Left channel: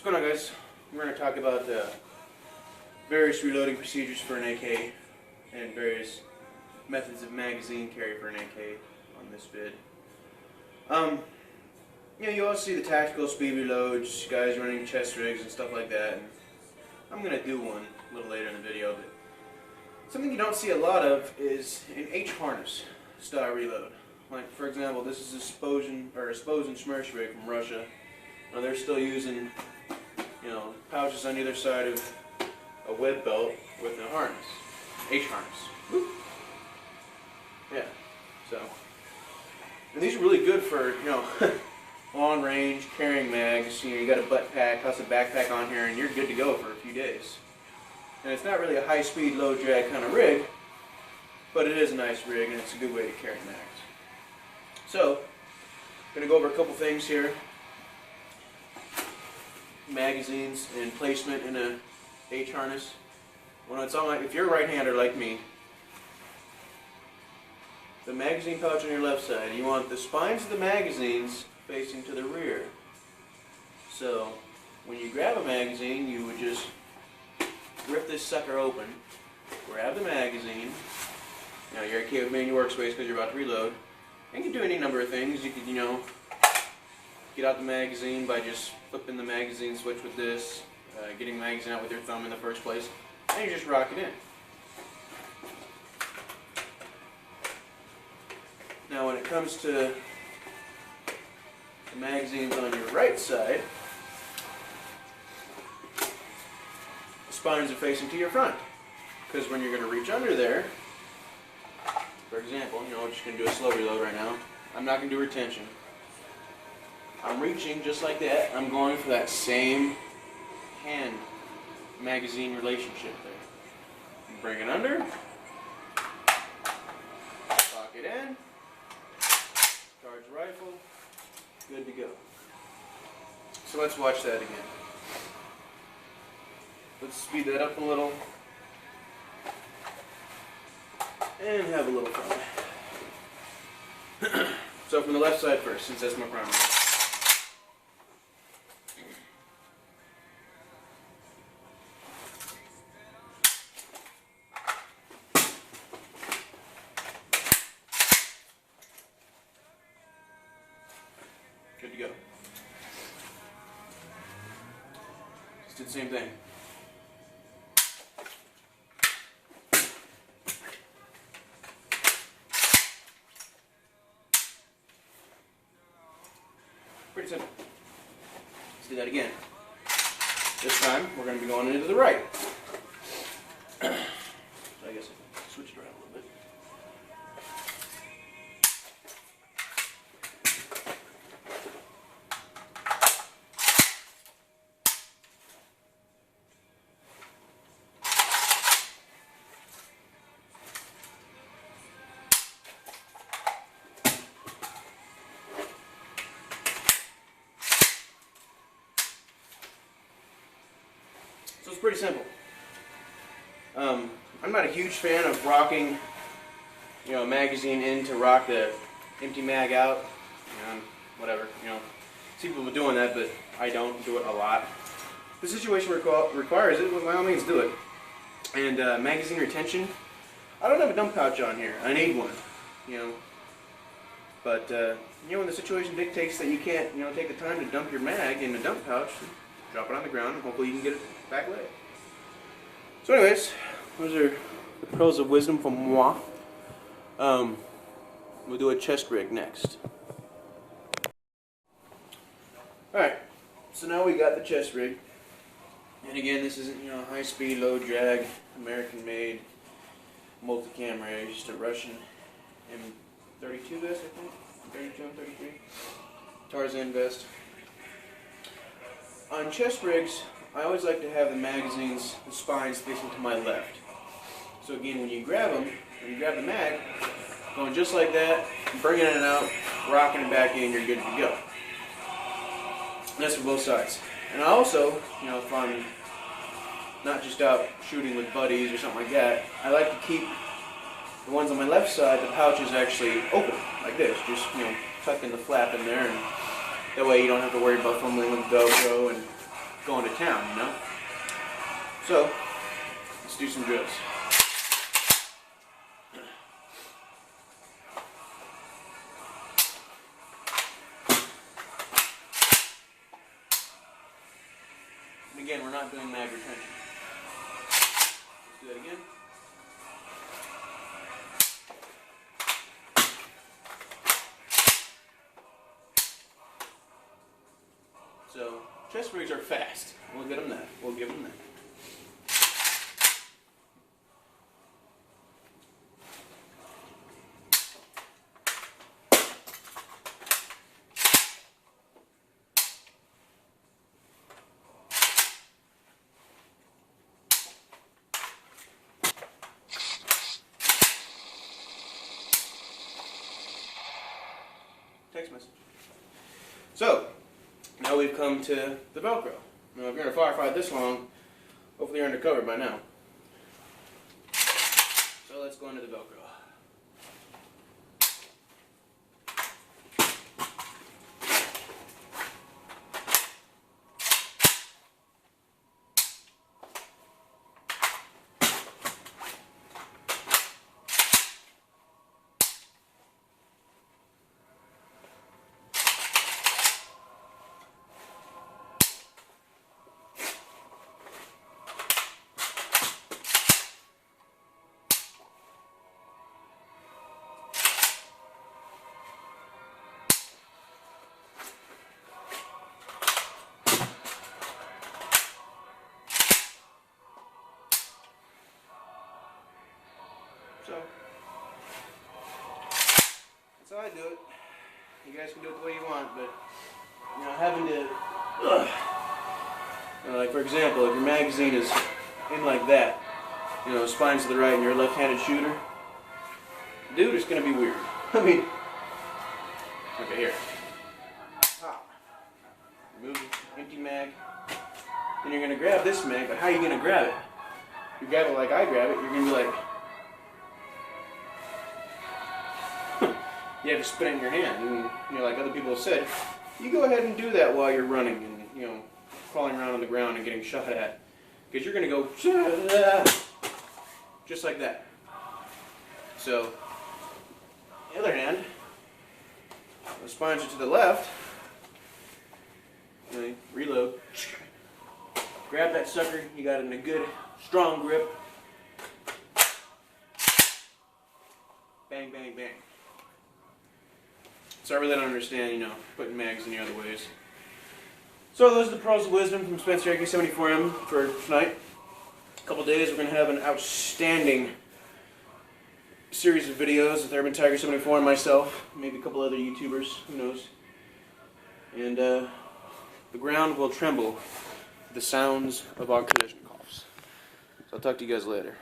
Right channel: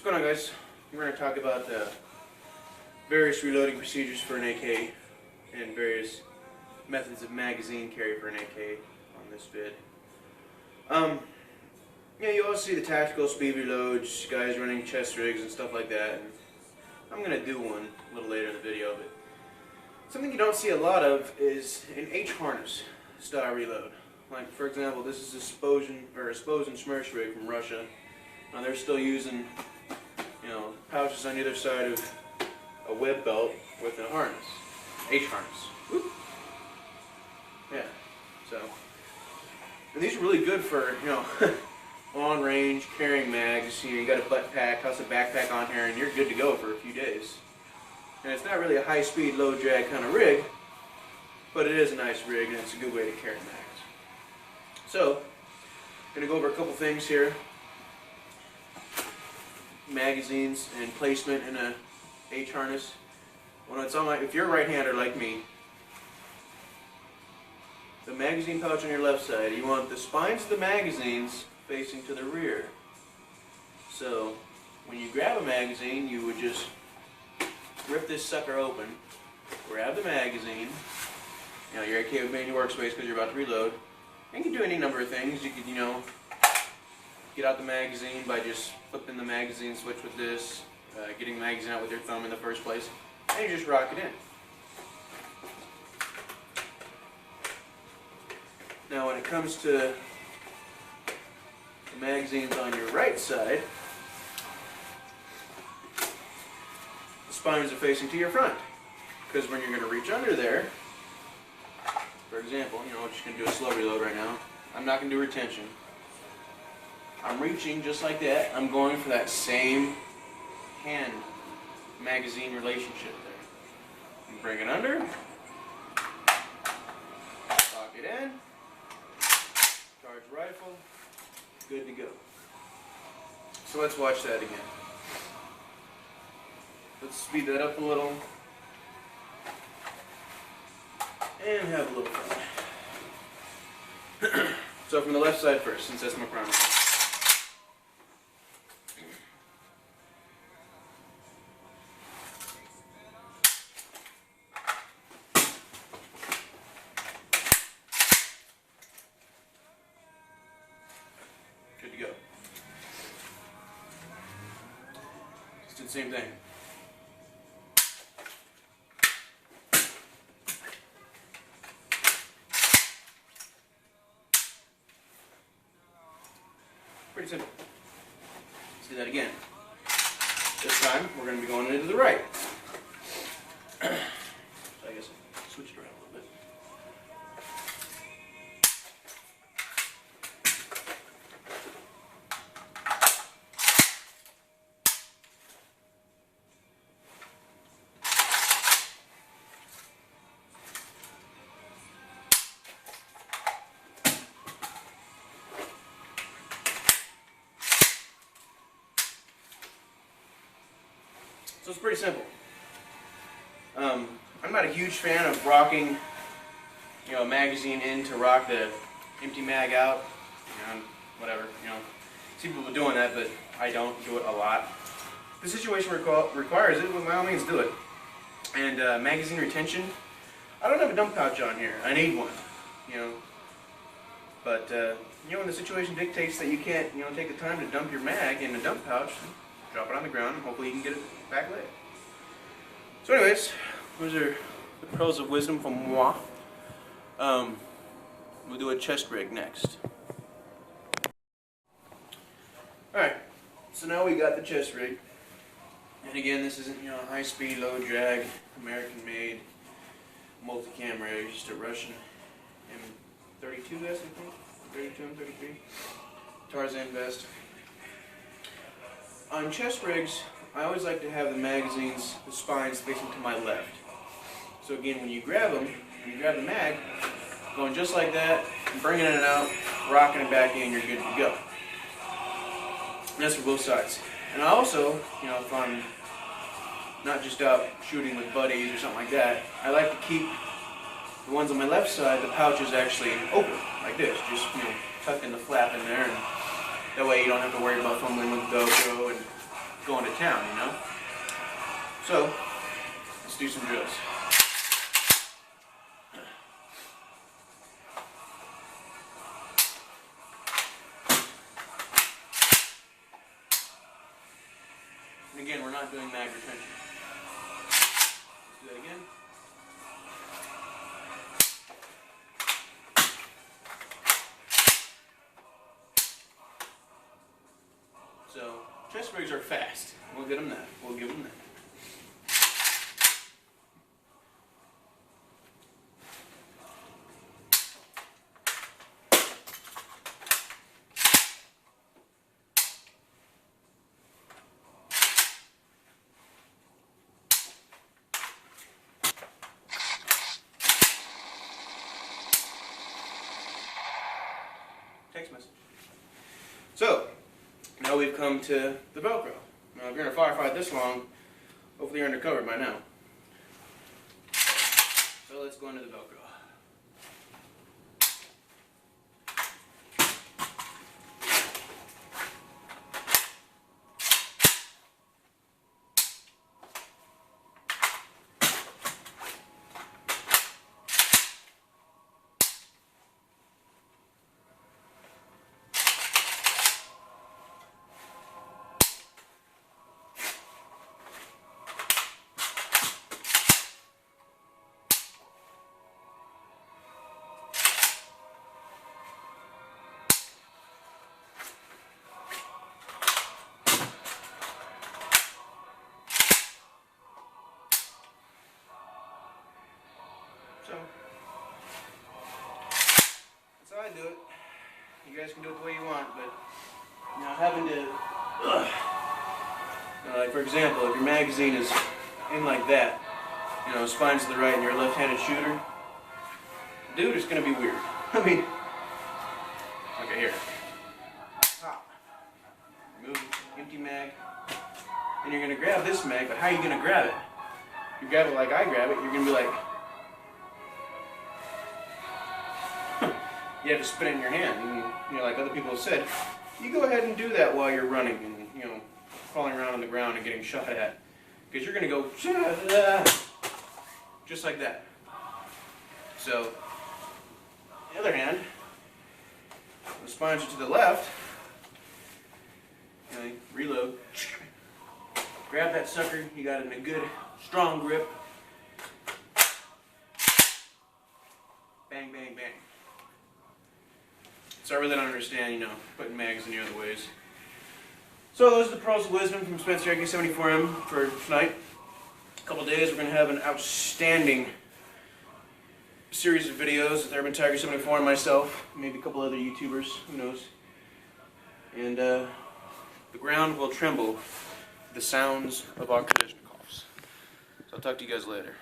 What's going on, guys? We're going to talk about various reloading procedures for an AK and various methods of magazine carry for an AK on this vid. You also see the tactical speed reloads, guys running chest rigs and stuff like that. And I'm going to do one a little later in the video, but something you don't see a lot of is an H-harness style reload. Like, for example, this is a Sposen Smersh rig from Russia. Now, they're still using, pouches on either side of a web belt with a harness, H-harness. Whoop. Yeah, so, and these are really good for, long range, carrying mags. You got a butt pack, plus a backpack on here, and you're good to go for a few days. And it's not really a high-speed, low-drag kind of rig, but it is a nice rig, and it's a good way to carry mags. So, I'm going to go over a couple things here. Magazines and placement in a H-harness. When it's on, if you're a right-hander like me, the magazine pouch on your left side, you want the spines of the magazines facing to the rear. So, when you grab a magazine, you would just rip this sucker open, grab the magazine. You're okay with manual workspace because you're about to reload. You can do any number of things. You could, get out the magazine by just flipping the magazine switch with this, getting the magazine out with your thumb in the first place, and you just rock it in. Now, when it comes to the magazines on your right side, the spines are facing to your front, because when you're going to reach under there, for example, we're just going to do a slow reload right now. I'm not going to do retention. I'm reaching just like that. I'm going for that same hand magazine relationship there. Bring it under. Lock it in. Charge rifle. Good to go. So let's watch that again. Let's speed that up a little. And have a little fun. So from the left side first, since that's my primary. Good to go. Just do the same thing. Pretty simple. Let's do that again. This time, we're going to be going into the right. I guess I'll switch it around a little bit. So it's pretty simple. I'm not a huge fan of rocking, a magazine in to rock the empty mag out. Whatever, see people doing that, but I don't do it a lot. If the situation requires it, well, by all means do it. And magazine retention, I don't have a dump pouch on here. I need one, But, when the situation dictates that you can't, take the time to dump your mag in the dump pouch, drop it on the ground, and hopefully you can get it back later. So anyways, those are the pearls of wisdom from moi. We'll do a chest rig next. Alright, so now we got the chest rig. And again, this isn't, high speed, low drag, American made, multi-cam rig, just a Russian M32 vest, I think. 32 M33. Tarzan vest. On chest rigs, I always like to have the magazines, the spines facing to my left. So again, when you grab them, when you grab the mag, going just like that, bringing it out, rocking it back in, you're good to go. And that's for both sides. And I also, if I'm not just out shooting with buddies or something like that, I like to keep the ones on my left side, the pouch is actually open, like this, just, tucked in the flap in there, and that way you don't have to worry about fumbling with the Velcro and going to town, you know? So, let's do some drills. And again, we're not doing mag retention. Let's do that again. So, chest rigs are fast. We'll get them that. We'll give them that. Text message. So, now we've come to the Velcro. Now, if you're in a firefight this long, hopefully you're undercover by now. So let's go into the Velcro. So, that's how I do it. You guys can do it the way you want, but, you know, having to, like for example, if your magazine is in like that, you know, spine to the right and you're a left-handed shooter, dude, it's going to be weird. I mean, okay, here. Pop. Move empty mag. And you're going to grab this mag, but how are you going to grab it? You grab it like I grab it, you're going to be like, you have to spin it in your hand. And, you know, like other people have said, you go ahead and do that while you're running and, you know, crawling around on the ground and getting shot at. Because you're going to go just like that. So, on the other hand, the spines are to the left. You know, reload. Grab that sucker. You got it in a good, strong grip. Bang, bang, bang. So I really don't understand, you know, putting mags in the other ways. So those are the pearls of wisdom from Spencer AK-74M for tonight. A couple days we're going to have an outstanding series of videos with Urban Tiger 74 and myself, maybe a couple other YouTubers, who knows. And the ground will tremble with the sounds of our collision coughs. So I'll talk to you guys later.